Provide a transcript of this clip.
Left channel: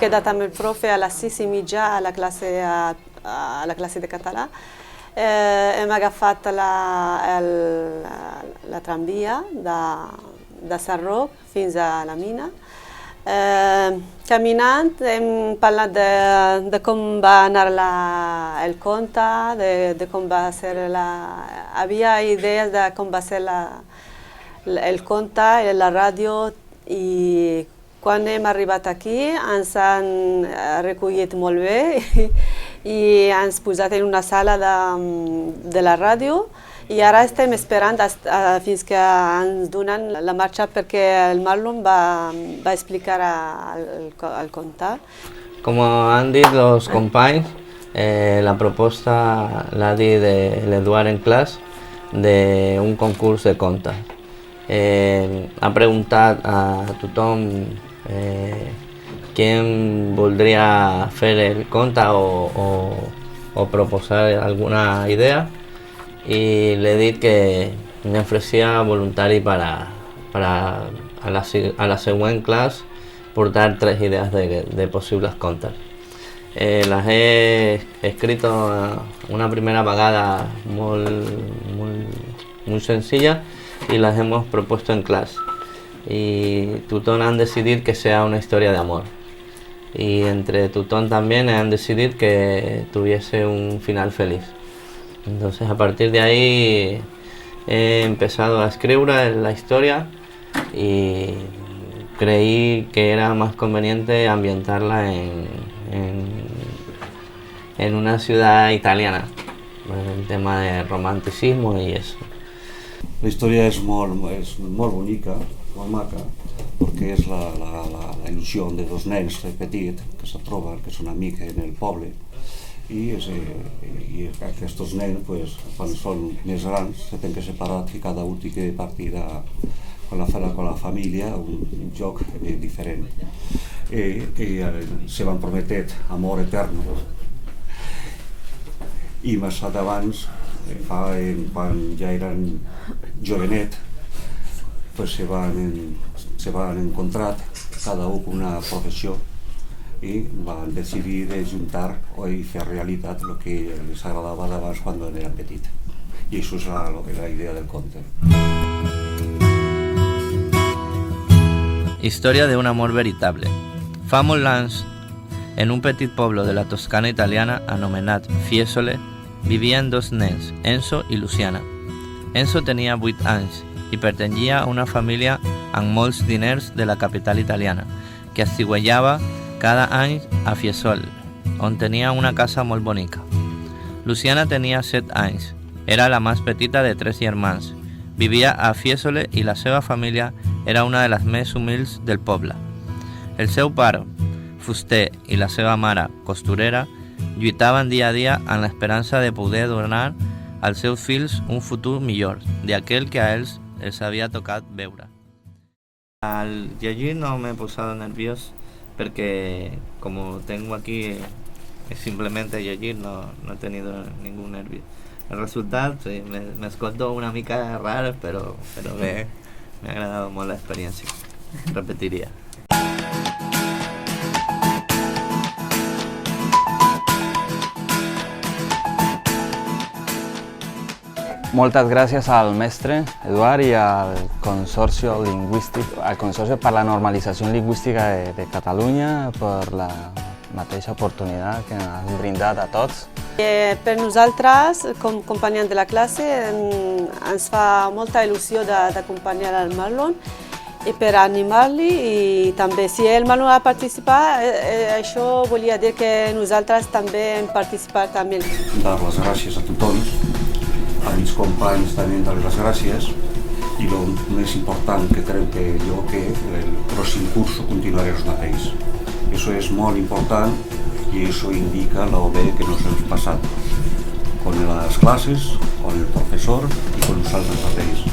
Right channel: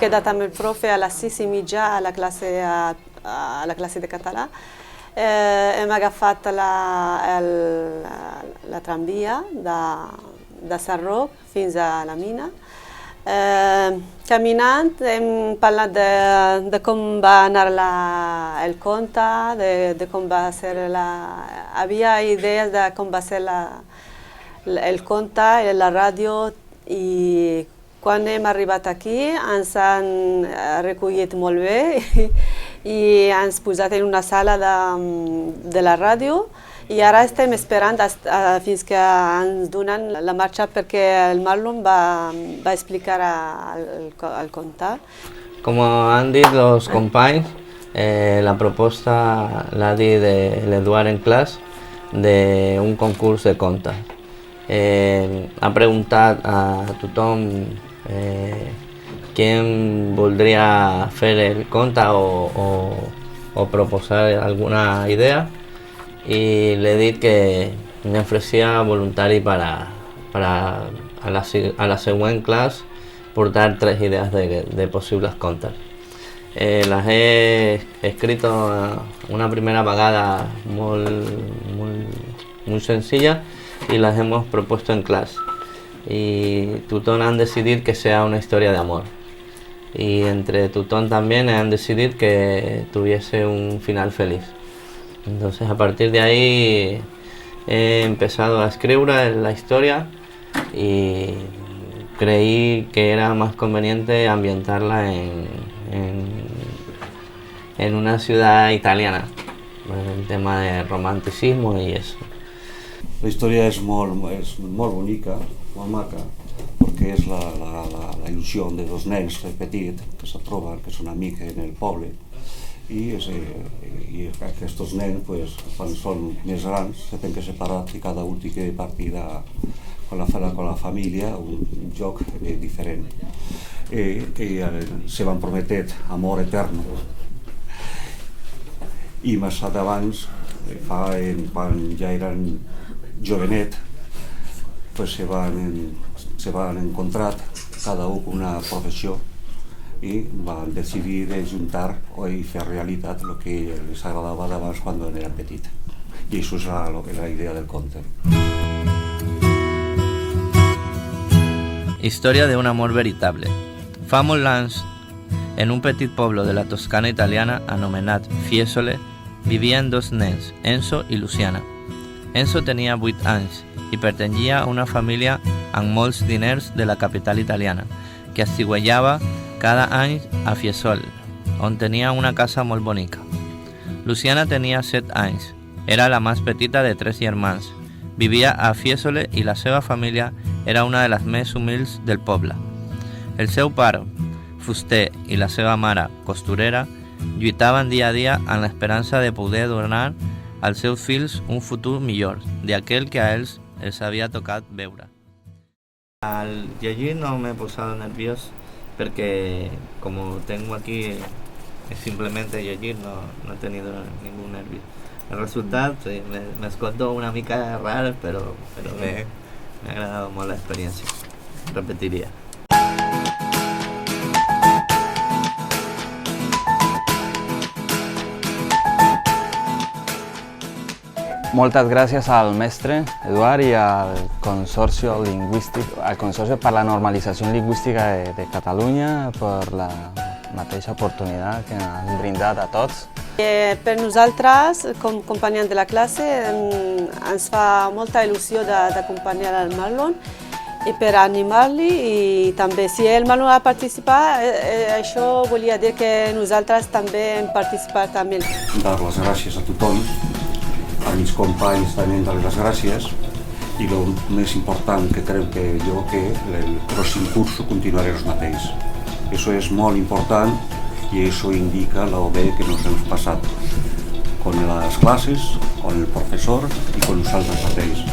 quedat amb el profe a les 6:30 a la classe de català. Hem agafat la tramvia de Sant Roc fins a la mina. Caminant hem parlat de com va anar el conte, de com va ser Havia idees de com va ser el conte i la ràdio, i quan hem arribat aquí ens han recollit molt bé i ens posat en una sala de la ràdio, i ara estem esperant fins que ens donen la marxa perquè el Marlon va explicar el conte. Como han dit los companys, la proposta l'ha dit l'Eduard en classe d'un concurs de contes. Ha preguntat a tothom qui voldria fer el conte o proposar alguna idea, y le he dit que me ofrecía voluntari para a la següent clase portar 3 ideas de posibles contes. Las he escrito una primera vegada muy sencilla y las hemos propuesto en clase, y tothom han decidit que sea una historia de amor, y entre tothom también han decidido que tuviese un final feliz. Entonces, a partir de ahí he empezado a escribir la historia y creí que era más conveniente ambientarla en una ciudad italiana, el tema de romanticismo y eso. La història és molt bonica, molt maca, perquè és la il·lusió de dos nens petits que se troben, que són amics en el poble, i aquests nens, quan són més grans, se tenen que separar i cada un té que partir con la família un joc diferent. Que se van prometet amor eterno. I més abans, quan ja eren jovenet, se van encontrar cada un una professió i van decidir juntar i fer realitat el que les agradava d'abans quan eren petits. I això és la idea del conte. Història d'un amor veritable. Fa molts anys, en un petit poble de la Toscana italiana anomenat Fiesole, vivien 2 nens, Enzo i Luciana. Enzo tenia 8 anys i pertanyia a una família amb molts diners de la capital italiana, que estiuejava cada any a Fiesole, on tenia una casa molt bonica. Luciana tenia 7 anys, era la més petita de 3 germans, vivia a Fiesole i la seva família era una de les més humils del poble. El seu pare, fuster, i la seva mare, costurera, lluitaven dia a dia amb l'esperança de poder donar als seus fills un futur millor, d'aquell que a ells els havia tocat veure. Al llegir no me he posado nerviós porque como tengo aquí simplemente llegir, no he tenido ningún nervio. El resultado, sí, me escondo una mica rara, pero me ha agradado mucho la experiencia. Repetiría. Moltes gràcies al mestre Eduard i al Consorci per la Normalització Lingüística de Catalunya per la mateixa oportunitat que ens brindat a tots. Per nosaltres, com companys de la classe, ens fa molta il·lusió d'acompanyar el Marlon i per animar-li, i també si el Marlon ha participat, això volia dir que nosaltres també hem participat amb ell. Dar les gràcies a tothom, a mis companys també dar les gràcies, i el més important que crec que el pròxim curs continuarà el mateix. Això és molt important i això indica lo bé que nos hem passat con les classes, con el professor i con nosaltres mateixos.